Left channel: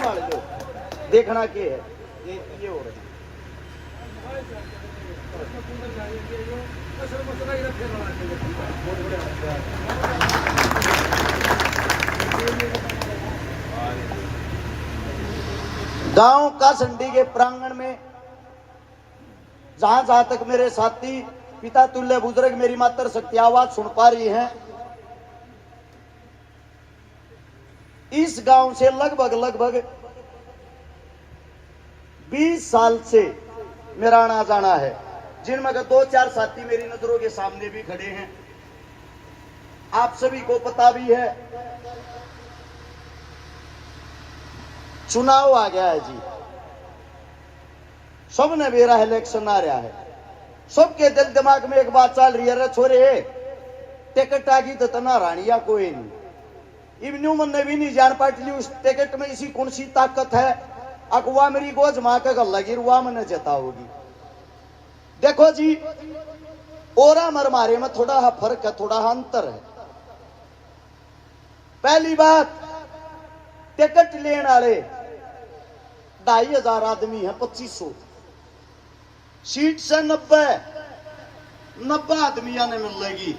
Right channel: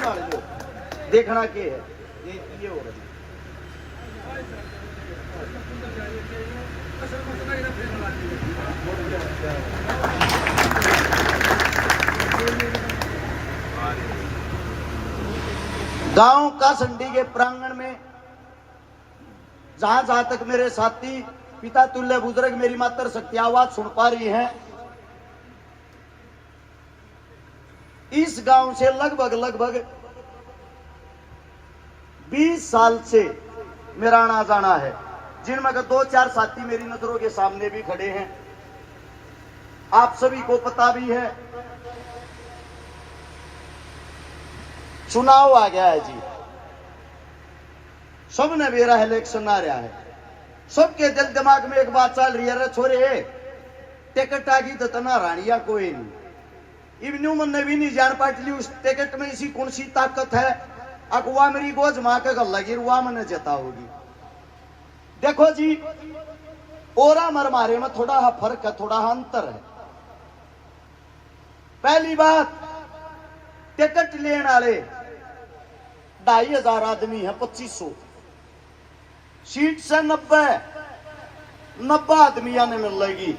संभाल लो, देखना के है ये हो रही गांव कासंडी के प्रांगण में जहां जहां तक मेरे साथी पिता तुल्य बुजुर्ग मेरी मातर शक्ति आवाज सुन पा रही हैं, इस गांव से लगभग 20 साल से मेरा आना जाना है, जिनमें का 2-4 साथी मेरी नजरों के सामने भी खड़े हैं। आप सभी को पता भी है चुनाव आ गया है जी, सबने मेरा इलेक्शन आ रहा है, सबके दिल दिमाग में एक बात चल रही है, छोरे टिकट आ गई तो तना रानिया कोई नहीं, इवन्यू मन भी नहीं जान पाटली उस टिकट में इसी कौन सी ताकत है, अकवा मेरी गोज मां का गल लगी रुआ मन जता होगी। देखो जी, ओरा मर मारे में थोड़ा फर्क है, थोड़ा अंतर है। पहली बात, टिकट लेने वाले 2500 आदमी है, 2500 सीट से 90 आदमी आने में लगी,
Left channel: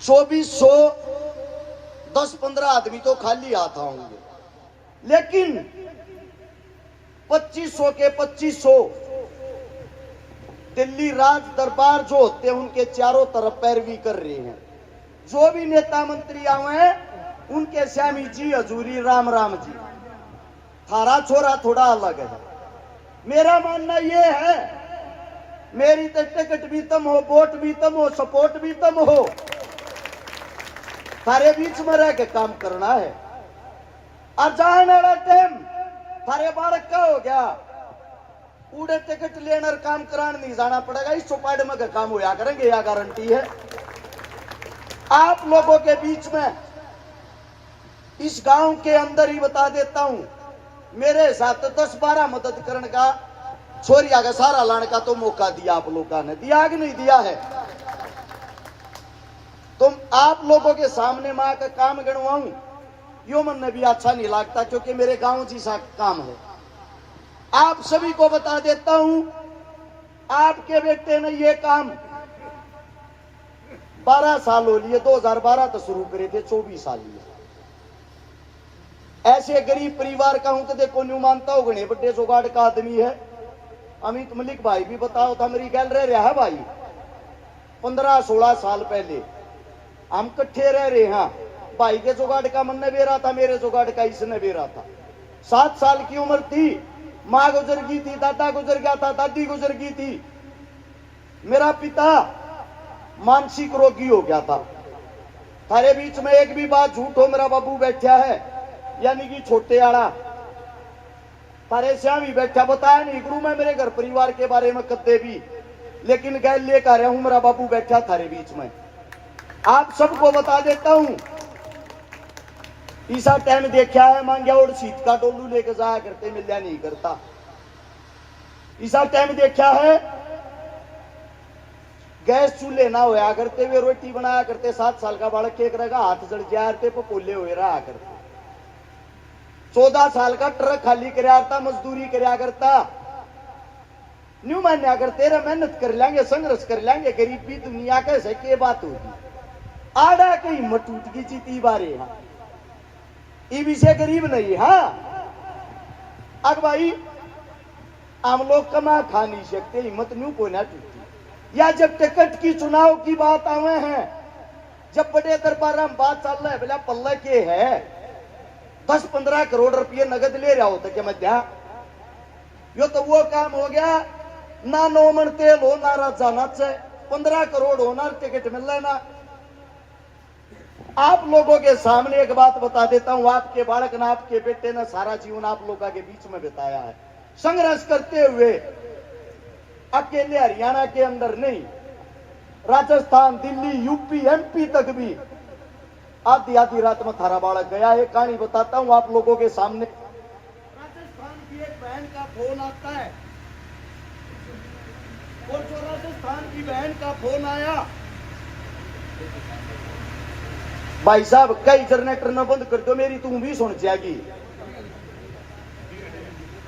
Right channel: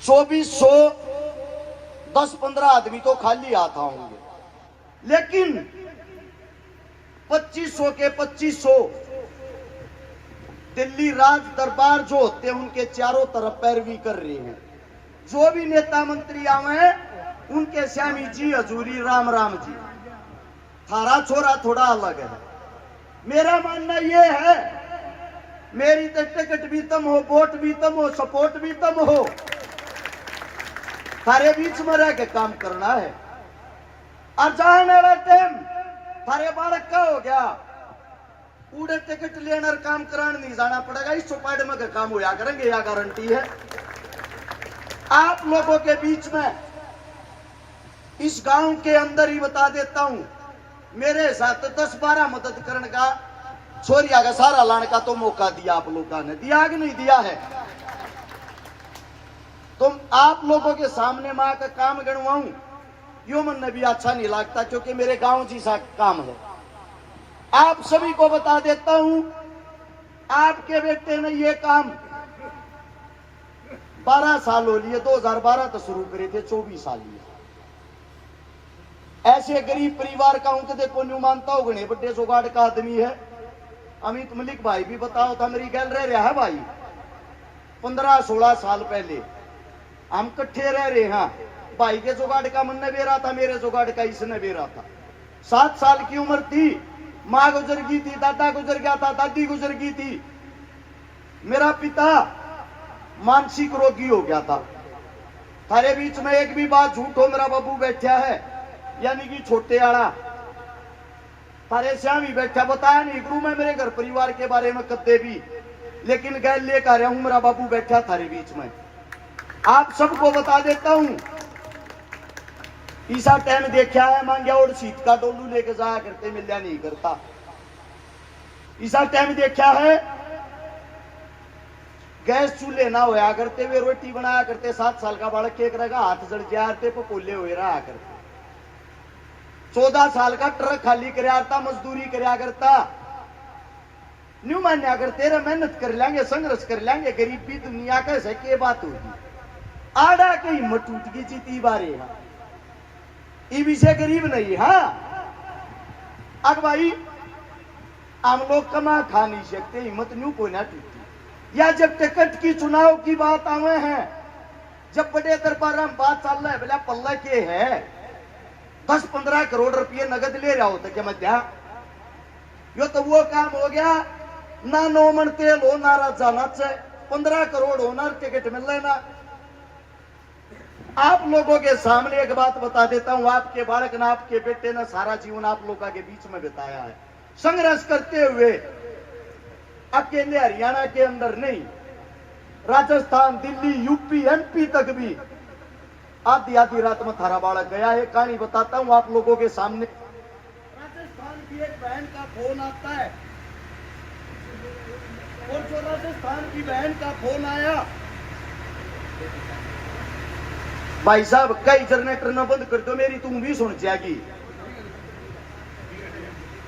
2400 10-15 आदमी तो खाली आता होंगे, लेकिन 2500 के 2500 दिल्ली राज दरबार जो होते हैं उनके चारों तरफ पैरवी कर रहे हैं। जो भी नेता मंत्री आए हैं उनके श्यामी जी हजूरी राम राम जी, थारा छोरा थोड़ा अलग है। मेरा मानना यह है, मेरी तो टिकट भी तम हो, वोट भी तम हो, सपोर्ट भी तम हो, थारे बीच में रह के काम करना है। और जाने वाला टाइम थारे बालक का हो गया, पूरे टिकट लेने और काम कराने नहीं जाना पड़ेगा, इस चौपाड़ में काम होया करेंगे, यह गारंटी है। आप लोगों के बीच में इस गांव के अंदर ही बता देता हूं, मेरे साथ 10-12 मदद करने का, छोरिया का सारा लाने का तो मौका दिया आप लोगों ने, दिया कि नहीं दिया है? तुम आप लोगों के सामने मां का काम गणवाऊं यो मन भी अच्छा नहीं लगता, क्योंकि मेरे गांव जैसा काम है। आप सभी को बता देता हूं, आपके बेटे ने ये काम 12 साल हो लिए, 2012 तो शुरू करे थे, 24 साल लिए। ऐसे गरीब परिवार का हूं तो देखो न्यू मानता हो, गणे बड़े जुगाड़ का आदमी है। अमित मलिक भाई भी बताओ था, मेरी गैल रह रहा है भाई, 15-16 साल पहले हम इकट्ठे रह रहे हैं। भाई के जुगाड़ का मन ने बेरा था, मेरे जुगाड़ का इसने बेरा था। 7 साल की उम्र थी, माँ गुजर गई थी, दादा गुजर गया था, दादी गुजर गई थी, मेरा पिता मानसिक रोगी हो गया था। थारे बीच में एक भी बात झूठ हो, मेरा बाबू बैठा है, यानी कि छोटे आड़ा थारे श्याम ही बैठा, बताया नहीं गुरु मैं मेरे घर परिवार के बारे में कदे भी, लेकिन गैर लेकर आया हूं, मेरा बाबू बैठा थारे बीच में। आप सबको बता देता हूं, ईसा टाइम देखा है, मांगया और सीट का डोलू लेके जाया करते, मिलया नहीं करता। ईसा टाइम देखा है, गैस चूल्हे ना होया करते, वे रोटी बनाया करते, 7 साल का बालक एक रहेगा, हाथ जड़ जाते पोले हुए रहा करते। 14 साल का ट्रक खाली कराता, मजदूरी कराया करता, न्यू मान्या करते रहे, मेहनत कर लेंगे, संघर्ष कर लेंगे, गरीबी दुनिया कैसे के बात होगी। आड़ा की हिम्मत टूट गई जीती बारे, ये विषय गरीब नहीं। हाँ अब भाई हम लोग कमा खा नहीं सकते, हिम्मत न्यू को ना टूटी। या जब टिकट की चुनाव की बात आवे हैं, जब बड़े दरबार में बात चल रहा है, बोला पल्ला के है 10-15 करोड़ रुपये नगद ले रहा होता क्या मध्या, यो तो वो काम हो गया ना, 9 मन तेल हो ना, जाना चाहिए 15 करोड़ होना, टिकट मिल रहा ना। आप लोगों के सामने एक बात बता देता हूं, आपके बालक ने, आपके बेटे ने सारा जीवन आप लोगों के बीच में बिताया है, संघर्ष करते हुए। अकेले हरियाणा के अंदर नहीं, राजस्थान, दिल्ली, यूपी, एमपी तक भी आधी आधी रात में थारा बालक गया है। कहानी बताता हूं आप लोगों के सामने। राजस्थान की एक बहन का फोन आता है, और जो राजस्थान की बहन का फोन आया, भाई साहब कई जनरेटर न बंद कर दो, मेरी तू भी सुन जाएगी।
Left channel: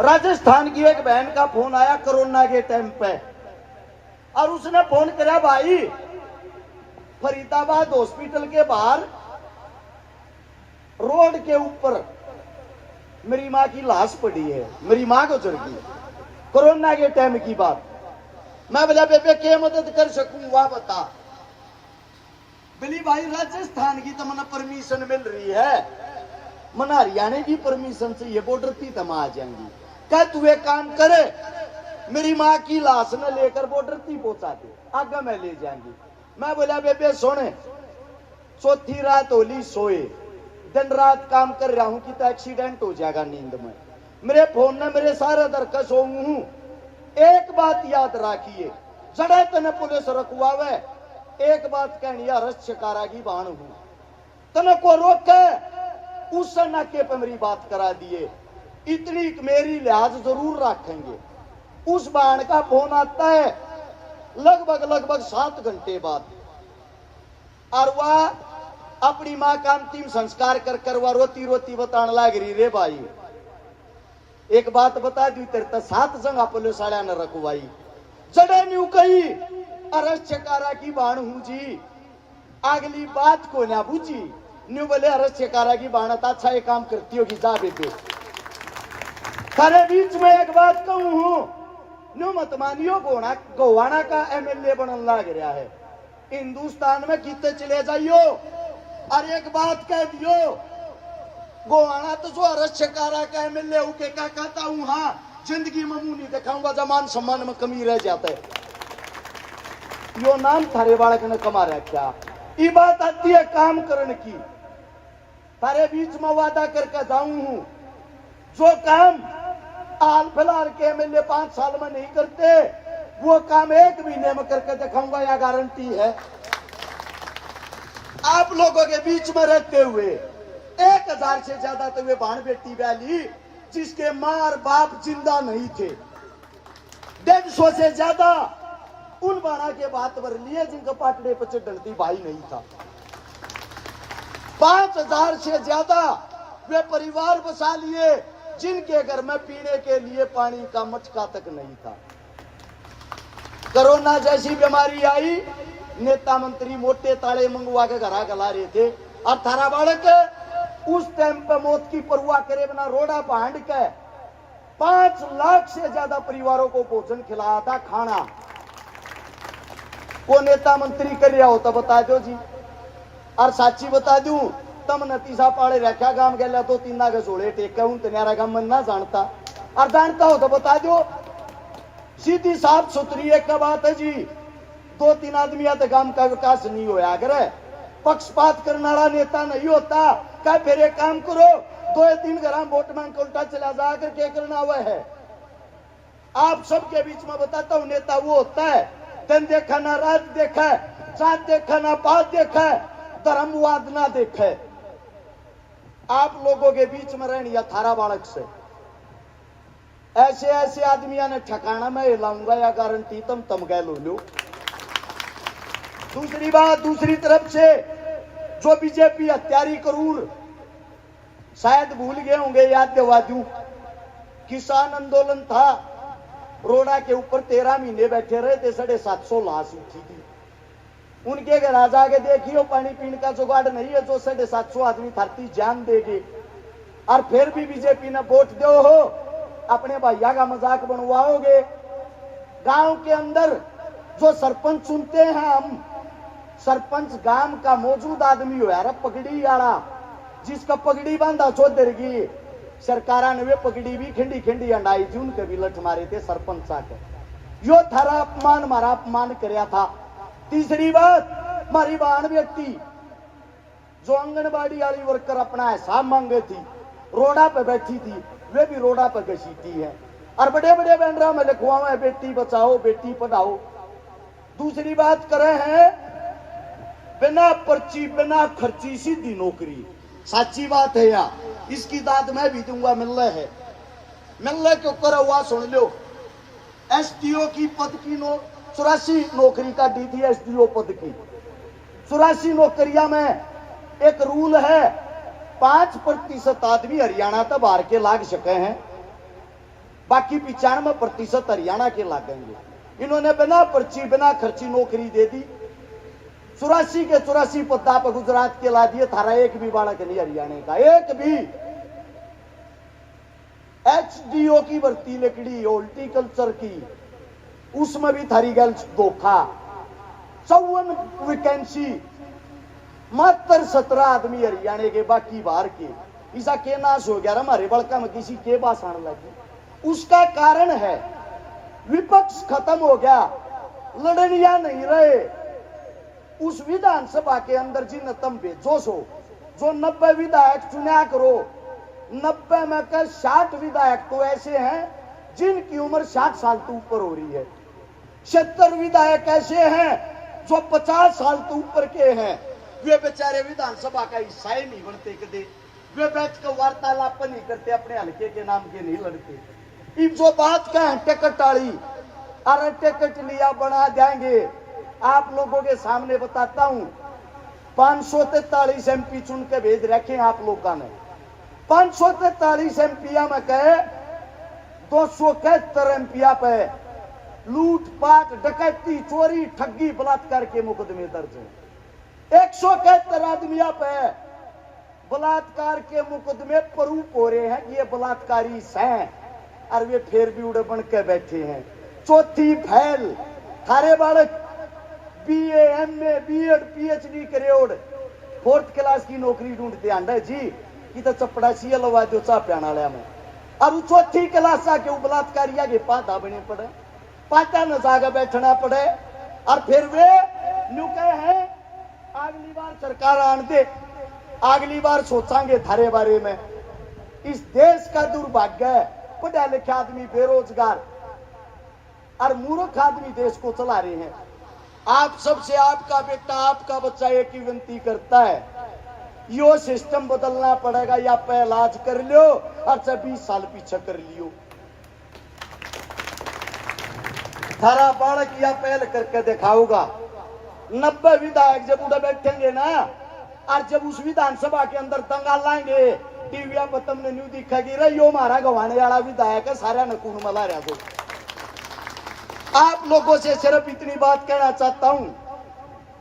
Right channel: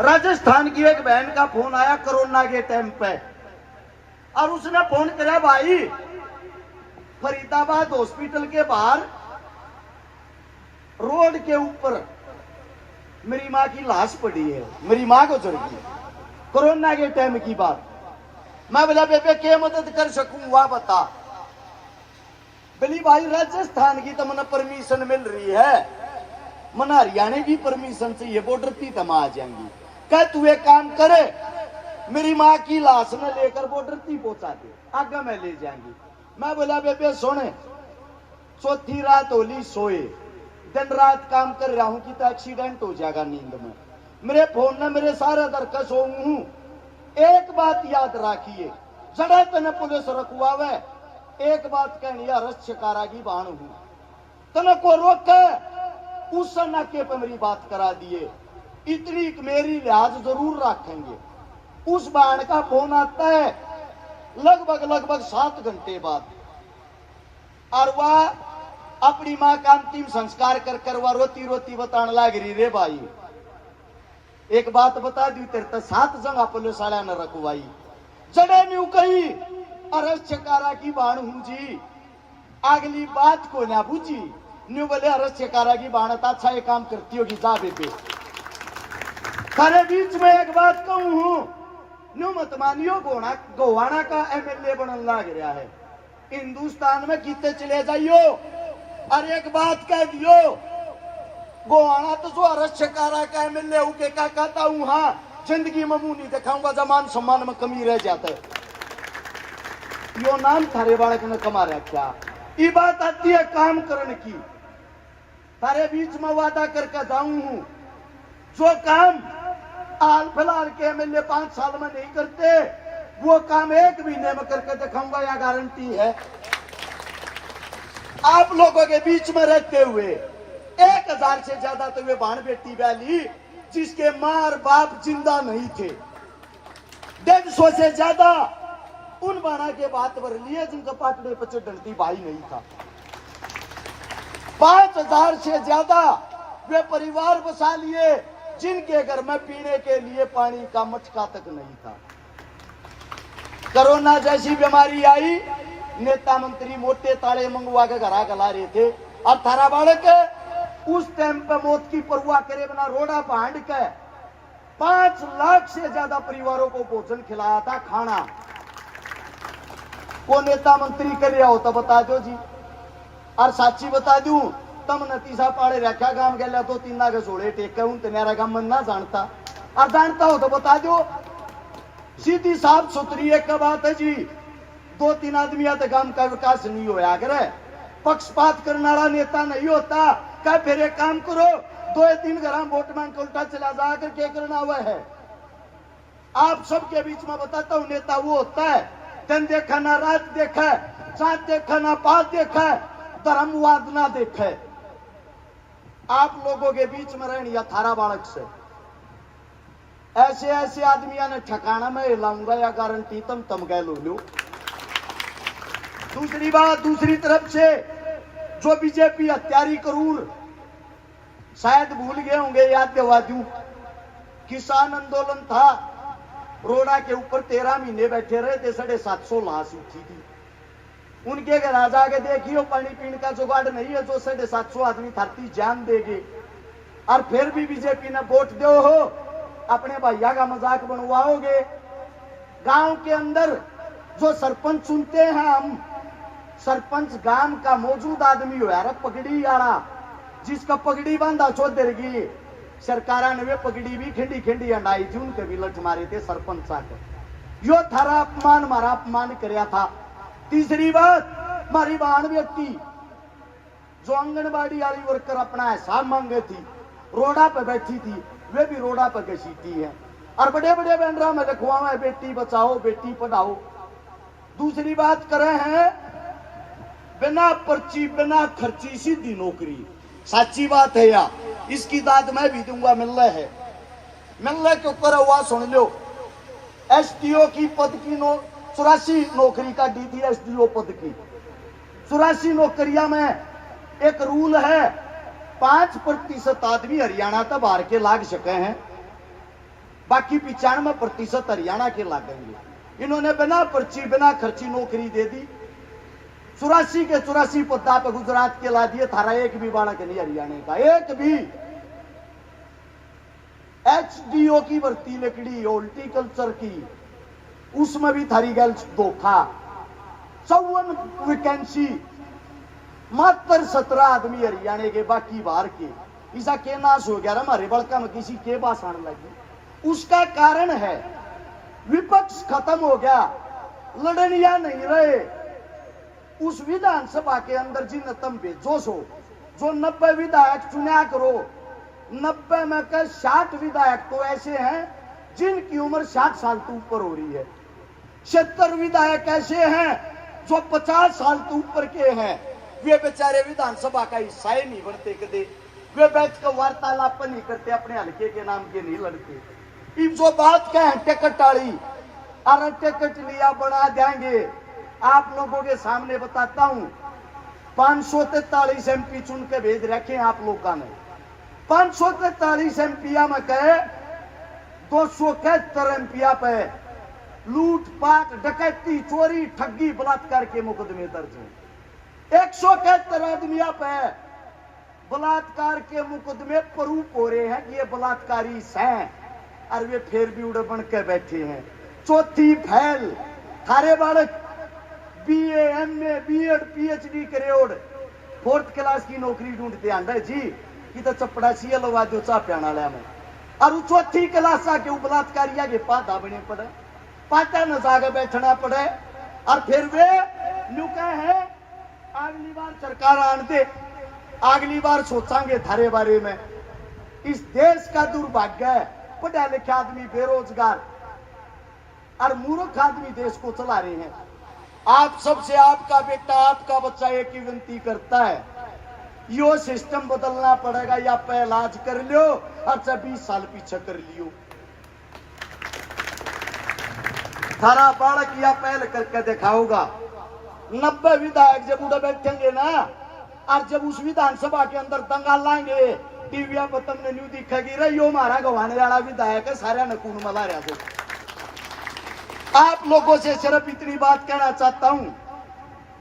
राजस्थान की एक बहन का फोन आया कोरोना के टाइम पे, और उसने फोन किया, भाई फरीदाबाद हॉस्पिटल के बाहर रोड के ऊपर मेरी मां की लाश पड़ी है, मेरी मां को चढ़ गई, कोरोना के टाइम की बात। मैं बोला बेबे क्या मदद कर सकूं वहां बता। बोली भाई राजस्थान की तो मना परमिशन मिल रही है, मना हरियाणा की परमिशन चाहिए, बॉर्डर थी तो आ जाएंगी। क्या तू एक काम करे, मेरी माँ की लाश न लेकर बॉर्डर थी पहुंचा दे, आगे मैं ले जाएंगी। मैं बोला बेबे सुने, चौथी रात होली सोए, दिन रात काम कर रहा हूं कि तो एक्सीडेंट हो जाएगा नींद में। मेरे फोन ने मेरे सारे दरकस हूं। एक बात याद रखिए, जड़े तने पुलिस रखवावे, एक बात कहनी रक्षकारा की बाण हूं, तने को रोके उस नाके पे मेरी बात करा दिए, इतनी मेरी लिहाज जरूर रखेंगे। उस बाण का फोन आता है लगभग 7 घंटे बाद, और वह अपनी मां का अंतिम संस्कार कर वह रोती रोती बताने लग रही, रे भाई एक बात बता दी, तेरे तो 7 जगह पुलिस वाले ने रखवाई, जड़े न्यू कही अरस चकारा की बाण हूं जी, अगली बात को ना बुझी न्यू बोले अरस चकारा की बाण तो अच्छा एक काम करती होगी, जा बेबे। थारे बीच में एक बात कहूं हूं, न्यू मत मानियो, गोवाना का एमएलए बनने लग रहा है, हिंदुस्तान में कितने चले जाइयो, और एक बात कह दियो, गोवाना तो जो अरक्षकारा का एमएलए हूं के का कहता हूं, हाँ जिंदगी में मुंह नहीं दिखाऊंगा, जमान सम्मान में कमी रह जाता है। यो नाम थारे बालक ने कमा रखा। ये बात आती है काम करने की, थारे बीच में वादा करके जाऊं हूं, जो काम हाल फिलहाल के एमएलए 5 साल में नहीं करते, वो काम 1 महीने में करके दिखाऊंगा, या गारंटी है। आप लोगों के बीच में रहते हुए 1000 से ज्यादा तो वे बहन बेटी वाली जिसके मां और बाप जिंदा नहीं थे, 150 से ज्यादा उन बारह के बात भर लिए जिनका पाटड़े पर डलती भाई नहीं था, 5000 से ज्यादा वे परिवार बसा लिए जिनके घर में पीने के लिए पानी का मटका तक नहीं था। कोरोना जैसी बीमारी आई, नेता मंत्री मोटे ताले मंगवा के घरा गला रहे थे, और थारा बालक उस टाइम पे मौत की परवाह करे बिना रोड़ा बांध के 5 लाख से ज्यादा परिवारों को भोजन खिलाया था, खाना। को नेता मंत्री कर रहा हो तो बता दो जी, और साची बता दूं, तम नतीजा पाड़े रखा गांव गया तो 3 के जोड़े टेके हूं, तेरा गांव मन ना जानता, और जानता हो तो बता दो, सीधी साफ सुथरी एक बात है जी, 2-3 आदमी तो गांव का विकास नहीं होया करे, पक्षपात करने वाला नेता नहीं होता। क्या फिर एक काम करो, 2-3 घर वोट मांग के उल्टा चला जाकर क्या करना हुआ है। आप सबके बीच में बताता हूं, नेता वो होता है दिन देखा ना रात देखा, चांद देखा ना पात देखा, धर्मवाद ना देखे। आप लोगों के बीच में रहनी या थारा बालक से ऐसे ऐसे आदमियों ने ठिकाना में हिलाऊंगा, या गारंटी तम गए लो। दूसरी बात, दूसरी तरफ से जो बीजेपी हत्यारी करूर, शायद भूल गए होंगे, याद दिलवा दूं, किसान आंदोलन था, रोड़ा के ऊपर 13 महीने बैठे रहे थे, 750 लाश उठी थी। उनके घर आ जाके देखियो पानी पीने का जुगाड़ नहीं है, जो 750 आदमी धरती जान देंगे, और फिर भी बीजेपी ने वोट दो हो, अपने भैया का मजाक बनवाओगे। गांव के अंदर जो सरपंच चुनते हैं हम, सरपंच गांव का मौजूद आदमी हो यार, पगड़ी वाला, जिसका पगड़ी बांधा चौधर की सरकारा ने वे पगड़ी भी खिंडी खिंडी अंडाई थी, उनके भी लठ मारे थे सरपंच आकर। यो थारा अपमान, हमारा अपमान कराया था। तीसरी बात, हमारी बहन बेटी जो आंगनबाड़ी वाली वर्कर अपना हिसाब मांगे थी, रोड़ा पे बैठी थी, वे भी रोड़ा पे घसीटी है, और बड़े बड़े बैनरों में लिखवा है बेटी बचाओ बेटी पढ़ाओ। दूसरी बात करे हैं, बिना पर्ची बिना खर्ची सीधी नौकरी, सच्ची बात है या, इसकी दाद मैं भी दूंगा, मिलना है, मिलने के ऊपर हुआ सुन लो। एसडीओ की पद की 84 नौकरी का दी थी, एसडीओ पद की 84 नौकरियां में एक रूल है 5% आदमी हरियाणा तक बाहर के लाग सके हैं, बाकी 95% हरियाणा के लागेंगे। इन्होंने बिना पर्ची बिना खर्ची नौकरी दे दी। 84 के 84 पद्दा पे गुजरात के ला दिए। थारा एक भी बालक नहीं हरियाणा का, एक भी। HDO की भर्ती लकड़ी हॉर्टिकल्चर की, उसमें भी थारी गल धोखा। 54 वैकेंसी, मात्र 17 आदमी हरियाणा के, बाकी बाहर के। ऐसा के नाश हो गया हमारे बड़का में किसी के पास आने लगे। उसका कारण है विपक्ष खत्म हो गया, लड़निया नहीं रहे। उस विधानसभा के अंदर जिन तुम भेजो सो, जो 90 विधायक चुना करो, 90 में का 60 विधायक तो ऐसे हैं जिनकी उम्र 60 साल से ऊपर हो रही है। 70 विधायक ऐसे हैं जो 50 साल से ऊपर के हैं। वे बेचारे विधानसभा का हिस्सा ही नहीं बनते कदे। वे बैठ कर वार्तालाप नहीं करते, अपने हल्के के नाम के नहीं लड़ते। इन जो बात का है टिकट वाली, अरे टिकट लिया बना देंगे। आप लोगों के सामने बताता हूं, 543 MP चुन के भेज रखे आप लोगों ने। 543 MP में कहे 271 MP पे लूट पाट डकैती चोरी ठगी बलात्कार के मुकदमे दर्ज हैं। 171 आदमियों पे बलात्कार के मुकदमे प्रूफ हो रहे हैं कि ये बलात्कारी हैं, और वे फिर भी उड़ बन के बैठे हैं। चौथी फैल थारे बालक BA MA BEd PhD करेड़ 4th क्लास की नौकरी ढूंढते आंदा जी कि तो चपड़ा सी लवा दो चा प्याना में। और चौथी क्लास आके बलात्कारिया के पाता बने पड़े, पाता न जाके बैठना पड़े। और फिर वे न्यू कहे हैं अगली बार सरकार आन दे, अगली बार सोचांगे थारे बारे में। इस देश का दुर्भाग्य है, पढ़े लिखे आदमी बेरोजगार और मूर्ख आदमी देश को चला रहे हैं। आप सबसे आपका बेटा आपका बच्चा एक ही विनती करता है, यो सिस्टम बदलना पड़ेगा, या पे इलाज कर लो और 20 साल पीछे कर लियो। थारा बालक या पहल करके दिखाऊगा। 90 विधायक जब उधर बैठेंगे ना, और जब उस विधानसभा के अंदर दंगा लाएंगे, टीवी पर तुमने न्यू दिखेगी रे यो हमारा गवाने वाला विधायक है, सारा नकून मला रहा दो। आप लोगों से सिर्फ इतनी बात कहना चाहता हूं,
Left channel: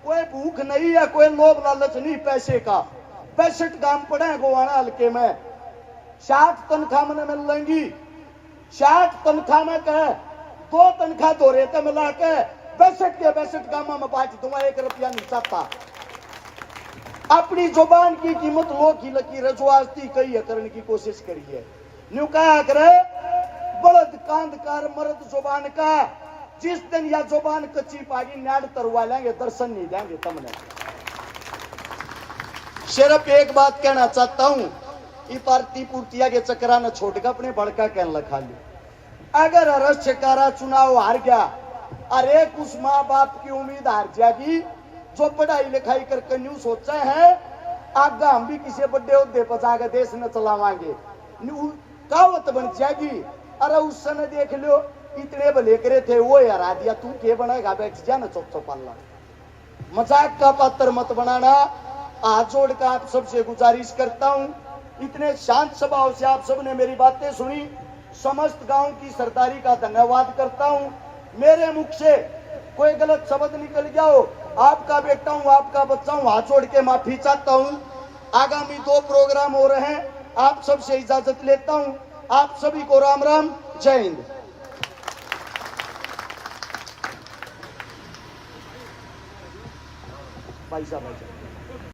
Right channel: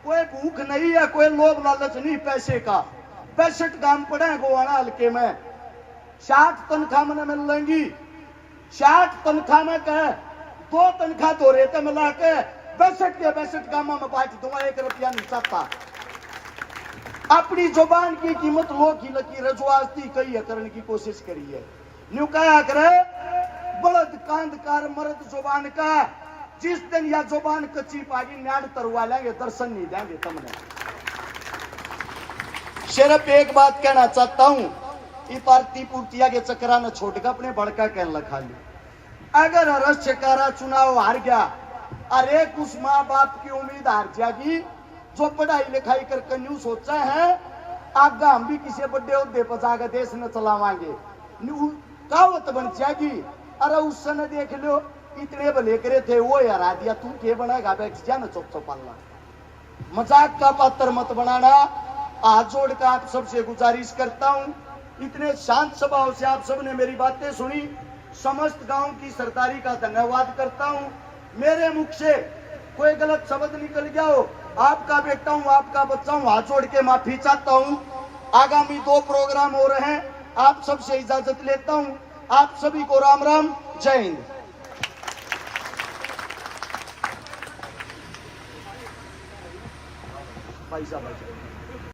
कोई भूख नहीं है, कोई लोभ लालच नहीं पैसे का। 65 काम पड़े हैं गोवाना हल्के में, 60 तनख्वाह में मिलेंगी। 60 तनख्वाह में कहे 2 तनख्वाह दो रेते मिला के 62 के 62 कामों में बांट दूंगा, 1 रुपया नहीं चाहता। अपनी जुबान की कीमत लो की लकीर जो आज थी कही है करने की कोशिश करी है। न्यू कहा करे बलद कांधकार मर्द जुबान का, जिस दिन या जुबान कच्ची पागी न्याड़ तरवा लेंगे, दर्शन नहीं देंगे तुमने। सिर्फ एक बात कहना चाहता हूं, ये पार्टी पूर्तिया के चक्रा न छोड़ के अपने बड़का कहने लगा ली। अगर रस चकारा चुनाव हार गया, अरे उस माँ बाप की उम्मीद हार जाएगी जो पढ़ाई लिखाई करके न्यू सोचा है आगा हम भी किसी बड़े उद्दे पर जाकर देश न चलावांगे, कहावत बन जाएगी। अरे उस समय देख लो इतने भले करे थे वो हरा दिया, तू के बनाएगा, बैठ जा ना चौथो पल्ला। मजाक का पात्र मत बनाना। हाथ जोड़ कर आप सबसे गुजारिश करता हूं, इतने शांत स्वभाव से आप सबने मेरी बातें सुनी, समस्त गांव की सरदारी का धन्यवाद करता हूं। मेरे मुख से कोई गलत शब्द निकल गया हो, आपका बेटा हूं, आपका बच्चा हूं, हाथ जोड़ के माफी चाहता हूं। आगामी 2 प्रोग्राम हो रहे हैं, आप सबसे इजाजत लेता हूं। आप सभी को राम राम, जय हिंद। भाई साहब